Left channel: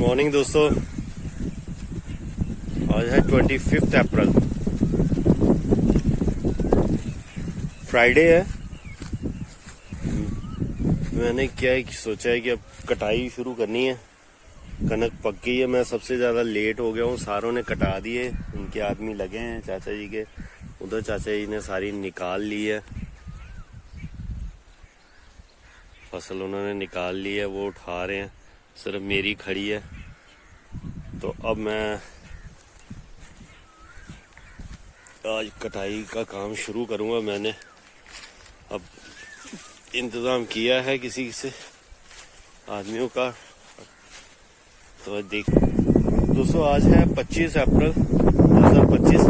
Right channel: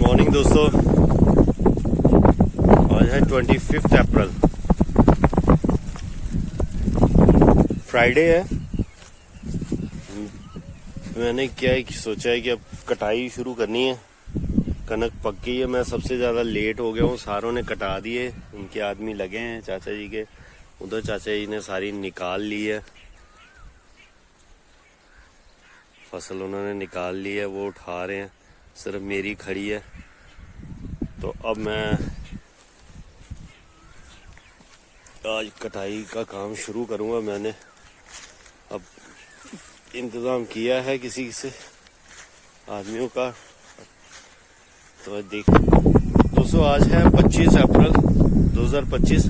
Morning दोस्तों, आज है 25 अप्रैल, फ्राइडे है। मैंने क्या सोचा है कि अब कटाई शुरू करनी है। कनक पक गई है, मैं सबसे ज़्यादा लेट हो गया हूँ। सारों ने कटा दिए, उनके आदमी लगे हैं चाचा जी के। उधर चाचा जी ने सारी निकाल ली है, फसल उन्होंने निकाल ली है, वो उठा रहे हैं। सिर्फ मेरी खड़ी है। तो अब मैं आज कटाई का काम शुरू करूंगा। मैंने अब इंतज़ाम किया है किसी से आदमियों का। तो देख दोस्तों, आज है 25 अप्रैल 2025।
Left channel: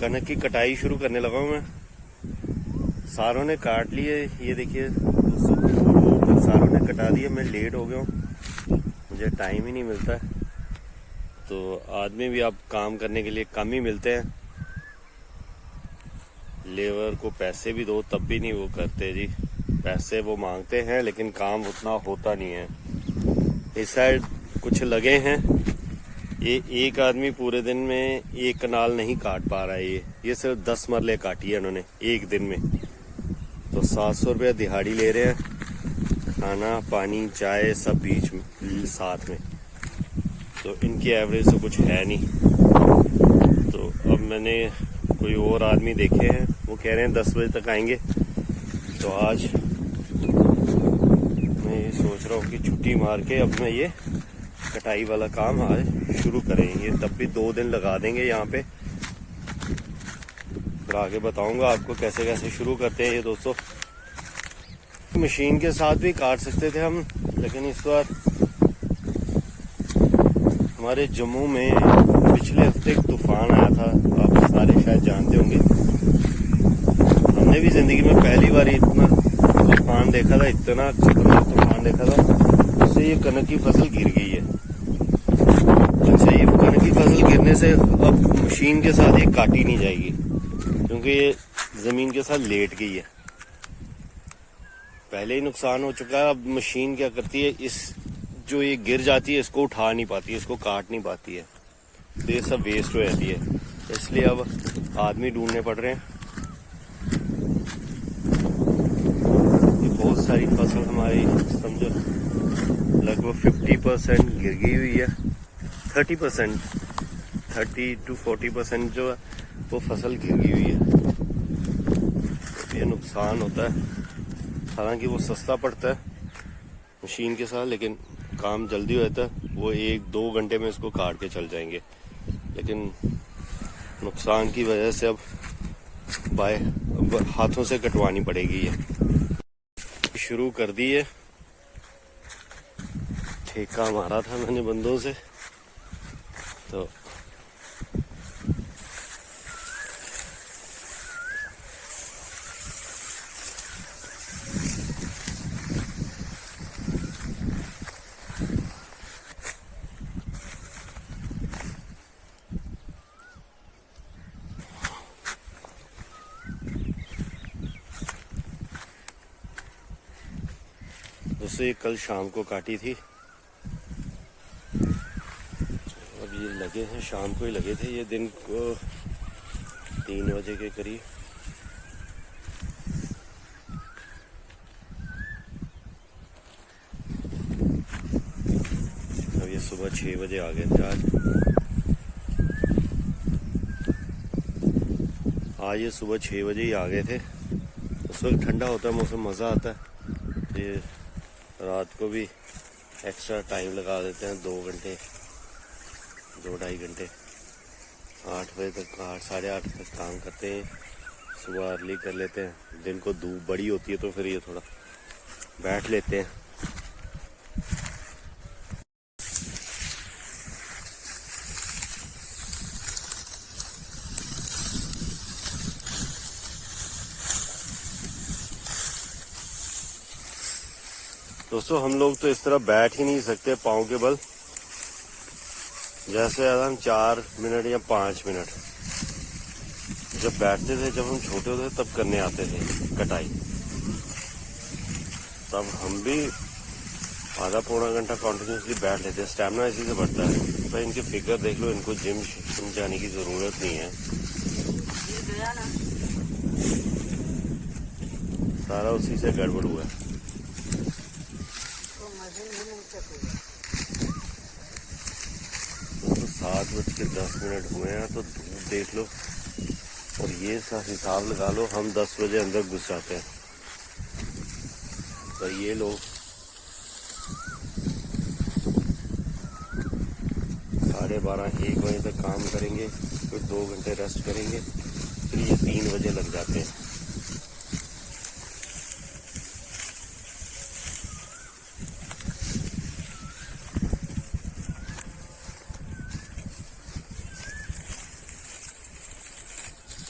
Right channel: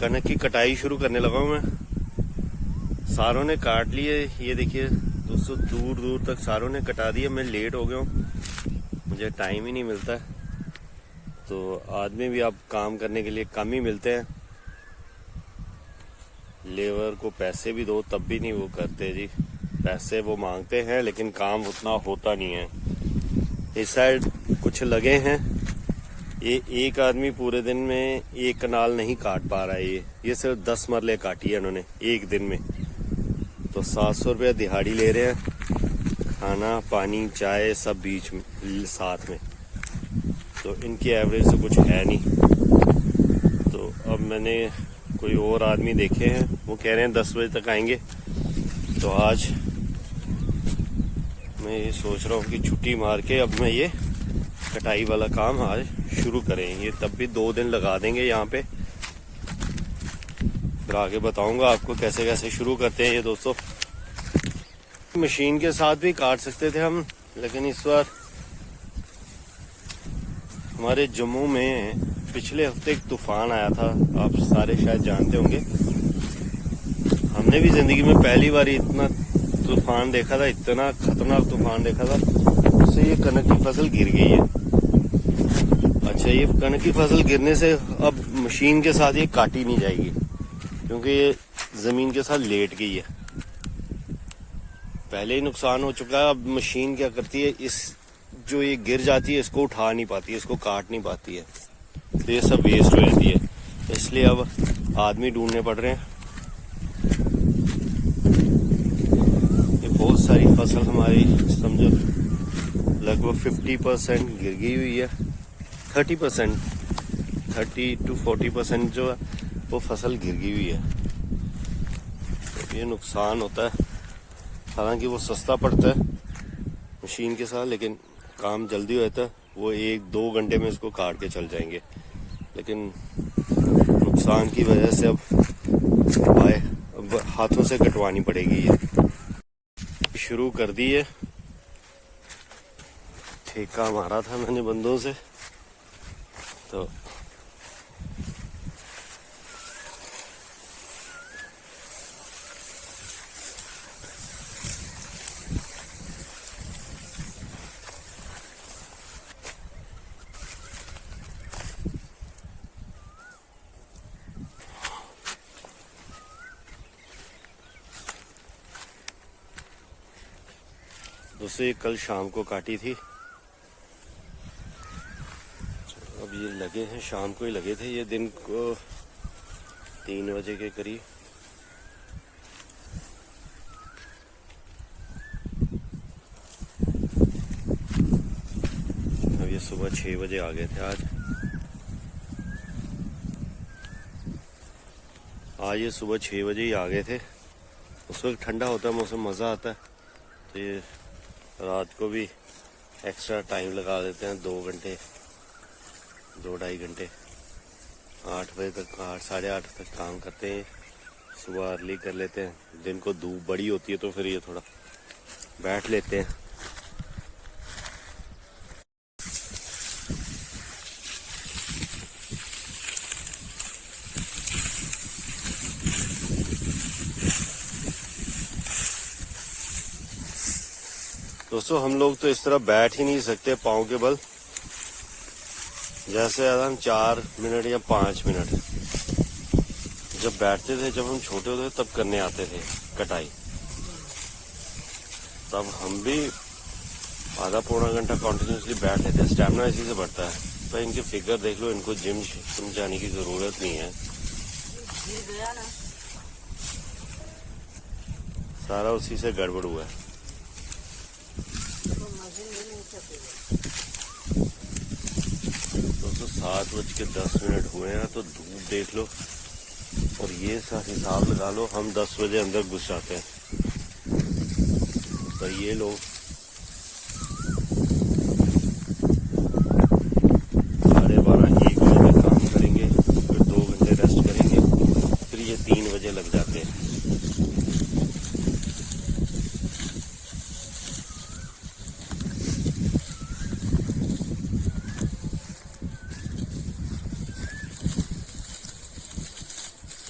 कनक की कटाई शुरू करने लगा हूँ मैं। सारों ने काट लिए, ये देखिए दोस्तों, दूर दूर तक सारों ने कटा दिए। मैं लेट हो गया हूँ, मुझे टाइम ही नहीं मिलता। तो आदमी भी अब काम करने के लिए कम ही मिलते हैं। लेबर को पैसे भी दो तब भी नहीं वो करते जी। पैसे वो मांगते हैं लेकिन काम उतना होता नहीं है। इस साइड कुछ लगे हैं, ये एक आदमी पूरे दिन में एक कनाल नहीं काट पा रहा है। ये सिर्फ 10 मरले काटी है उन्होंने एक दिन में। तो 700 रुपया दिहाड़ी ले रहे हैं, खाना पानी चाय सब बीच में साथ में। तो इनकी एवरेज तो कुछ है नहीं। तो अब मैंने कोई और आदमी देखे हैं, वो कह रहे हैं 10 बजे तक आएंगे। तो आज मैं ये सोच रहा हूँ कि छुट्टी मार के अब मैं ये कटाई वाला काम आज शुरू करें। ये तब भी 2 दिन लगा देंगे यहाँ पे। फिर आगे बताऊंगा आपको कैसे कैसे शुरू करते हैं ये दोस्तों। मशीन के साथ भी काट सकते थे हम, लेकिन इस बार हमारे जम्मू में पिछले हफ्ते एक तूफान आया था, आप सारे शायद जानते होंगे। हमने भी जिंदगी में पहली बार इतना तूफान देखा था, इतना खतरनाक तूफान देखा था। उससे ये कनक की फसल गिर गई है। अच्छा, ये कनक की फसल गिरने से अब मशीन के साथ ये काटी नहीं जाएगी, क्योंकि ये जमीन के साथ लेट गई है। पहले ही नुकसान हो चुका है। अब मशीन क्या करती है, इस जो ये गिर जाती है इसको उठा नहीं पाती है, इसको काट नहीं पाती है, तो ये सब वेस्ट हो जाती है। तो इसलिए अब आदमी ढूंढने पड़ रहे हैं। बहुत सारी फसल हमारी समझो लगभग 50% गिर गई हुई है। 30% 30 to 40% जो है वो फसल गिर गई हुई है। तो ये नुकसान होता है। हालांकि वो सस्ता पड़ता है मशीन के साथ, लेकिन काम जल्दी हो जाता है। वो 1-2 घंटे में इसको काट के चल जाएंगे। लेकिन नुकसान की वजह से अब हाथों से कटवानी पड़ेगी। ये शुरू कर दी है, ठेका मारा था मैंने बंदों से। तो उससे कल शाम को काटी थी। अब ये लगे हैं, शाम को ही लगे थे। ये दिन को 3 बजे के करीब। अब ये सुबह 6 बजे आ गए थे आज ये सुबह 6 बजे ही आ गए थे। उस वक्त ठंडा होता है मौसम, मज़ा आता है। ये रात को भी एक्स्ट्रा टाइम लगा देते हैं, 2 घंटे 2-2.5 घंटे। 8 बजे तक 8 साढ़े 8 तक काम करते हैं। सुबह अर्ली कर लेते हैं। दिन को धूप बड़ी होती है तो फिर ये थोड़ा बैठ लेते हैं। दोस्तों, हम लोग तो इस तरह बैठ ही नहीं सकते पाँव के बल। जैसे हम 4 मिनट या 5 मिनट जब बैठते थे, जब हम छोटे होते तब करने आते थे कटाई। तब हम भी आधा पौना घंटा कॉन्टिन्यूसली बैठ लेते हैं, स्टेमिना इसी से बढ़ता है। तो इनकी फिगर देख लो, इनको जिम जाने की जरूरत नहीं है, सारा उसी से गड़बड़ हुआ है। दोस्तों 7:10 हुए हैं, तो धूप देख लो और ये सा हिसाब लगा लो, हम 10 बजे अंदर घुस जाते हैं, पर ये लोग 12:30-1 बजे तक काम करेंगे, फिर 2 घंटे रेस्ट करेंगे, फिर ये 3 बजे लग जाते हैं।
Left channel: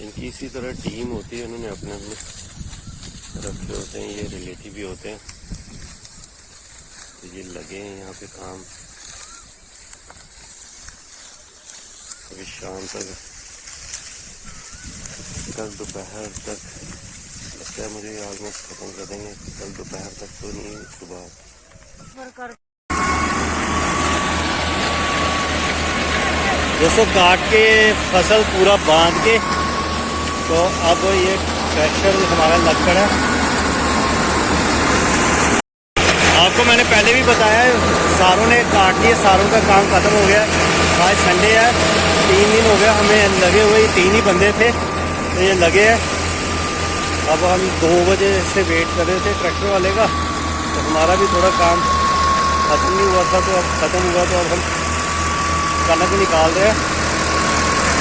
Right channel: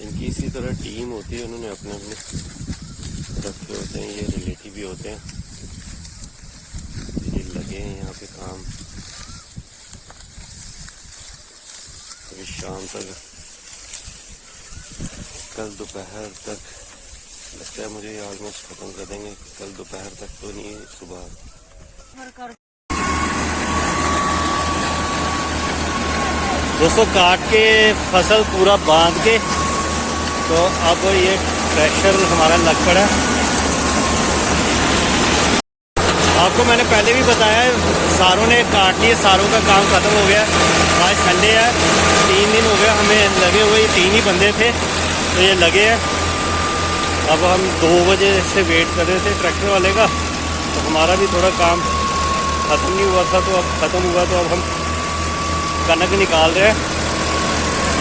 इनकी इसी तरह टीम होती है, उन्होंने अपने अपने रखे होते हैं, ये रिलेटिव भी होते हैं, ये लगे हैं यहाँ पे काम। अभी शाम तक, कल दोपहर तक लगता है मुझे ऑलमोस्ट खत्म कर देंगे, कल दोपहर तक तो नहीं, सुबह। दोस्तों काट के फसल पूरा बांध के, तो अब ये ट्रैक्टर हमारा लग पड़ा है। आपको मैंने पहले भी बताया है, सारों ने काट लिए, सारों का काम खत्म हो गया। आज संडे है, 3 दिन हो गया हमें लगे हुए, 3 ही बंदे थे तो ये लगे हैं। अब हम 2 बजे से वेट कर रहे थे ट्रैक्टर वाले का, तो हमारा भी थोड़ा काम खत्म नहीं हुआ था, तो अब खत्म हुआ, तो अब हम कनक निकाल रहे हैं।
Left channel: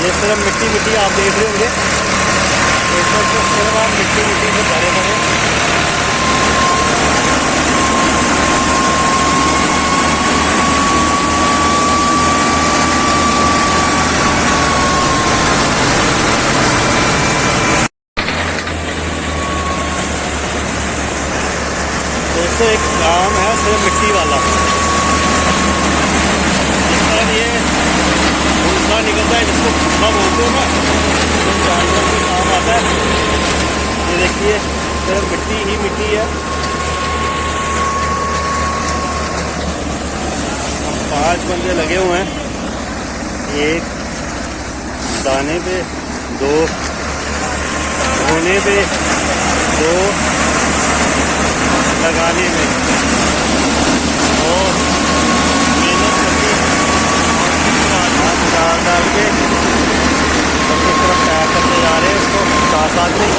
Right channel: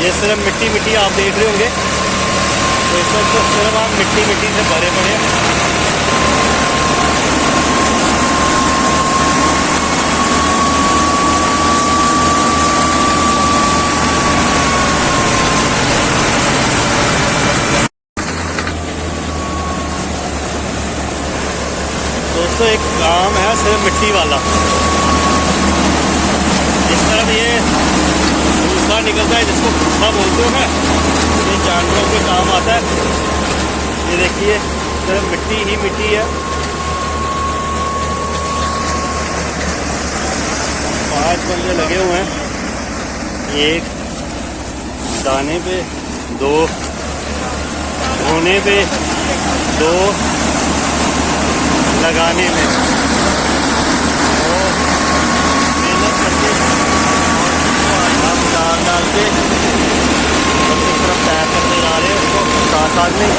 ये सिर्फ मिट्टी मिट्टी आप देख रहे होंगे, तो इस वक्त तो सिर्फ आप मिट्टी मिट्टी से भरे पड़े। दोस्तों एक काम है सिर्फ मिट्टी वाला, जिस तरह ये भूसा निकलता है, जिसको भूसा बोलते हो ना, ये जानवरों के काम आता है। ये देखिए सिर्फ मिट्टी ही मिट्टी है। 5 बंदे लगे हुए हैं, 1 दाने पे, 2 धोने पे, 2 लगाने में, और मेहनत करके और डाल के बस इस तरफ तैयार करते जा रहे हैं इसको साथ में।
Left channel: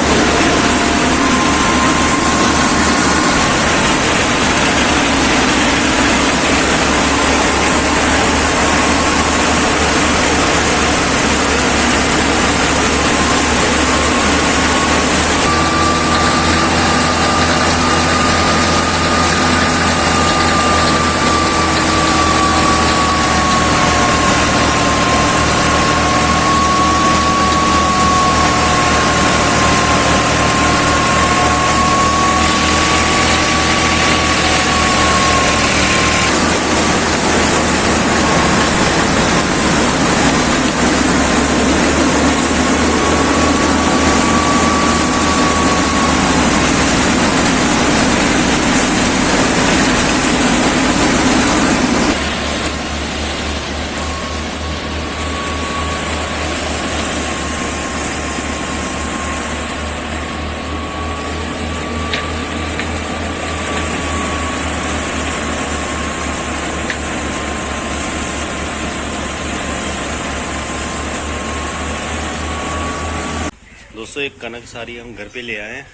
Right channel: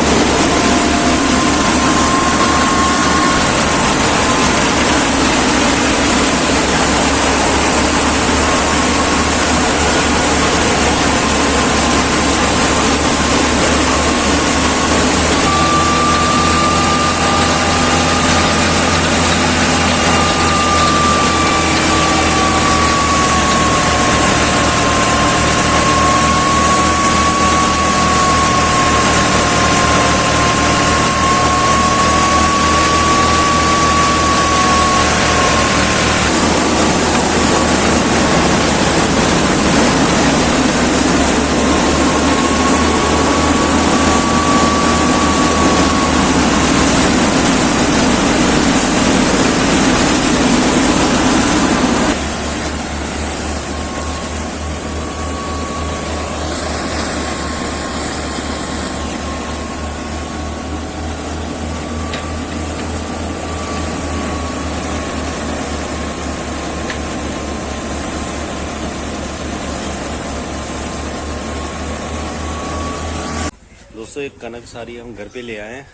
दोस्तों एक कनक सारी हम घर पे ले आए हैं,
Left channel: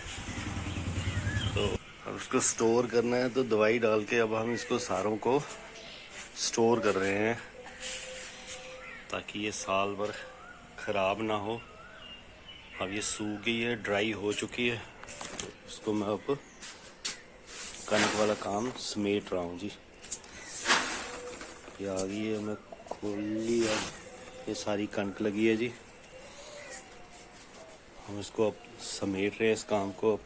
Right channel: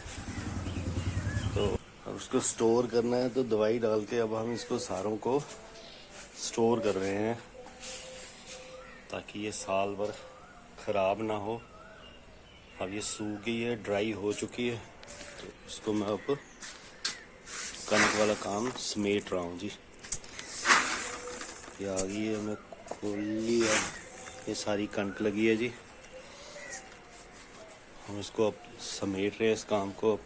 तो अब उसको स्टोर करना है, तो दवाई डाल के अब हम इसको सारों को स्टोर कर रहे हैं, ताकि ये साल भर ख़राब ना हो। अब ये सूख गई है, ड्राई हो चुकी है, तो इसको मैं अब कनक वाला काम समेट रहा हूँ जी। ये आ गई है, मैं खोल ली, अब ये सारी कनक लगी है जी। हम इसको अब समेट रहे हैं, इस काम को अब